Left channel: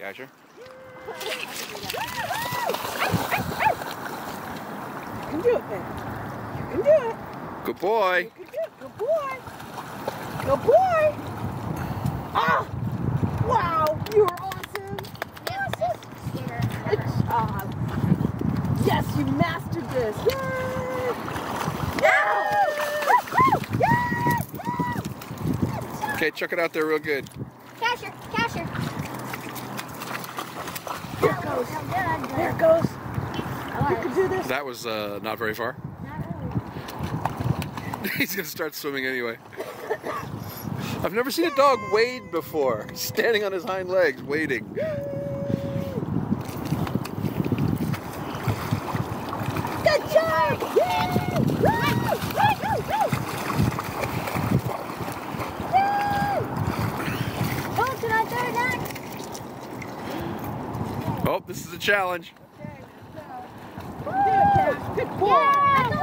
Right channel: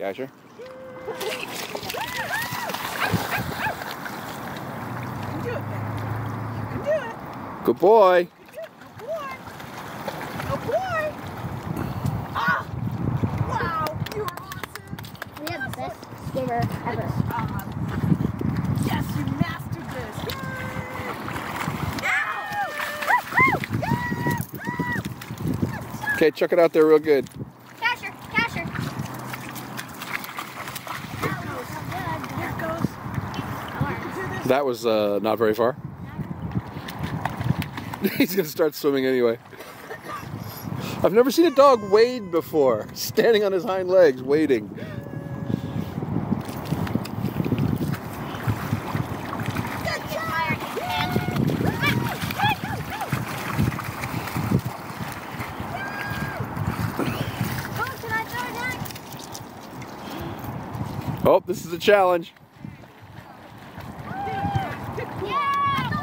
Casher. You can do it, baby. You can do it. Good boy. You can do it. Good boy. Good boy. Ah! Wow, you were awesome. We have the best skater Good ever. job. Yes, you mastered this. Yay! Okay, chuck it out there real good. Casher, Casher. Here it goes. Here it goes. You can do this. That was not very far. He's gonna start swimming anyway. I've never seen a dog wade before. Standing on his hind legs, wading. Good job. Oh, can I throw that? Oh, this is a challenge. Good boy. Yeah,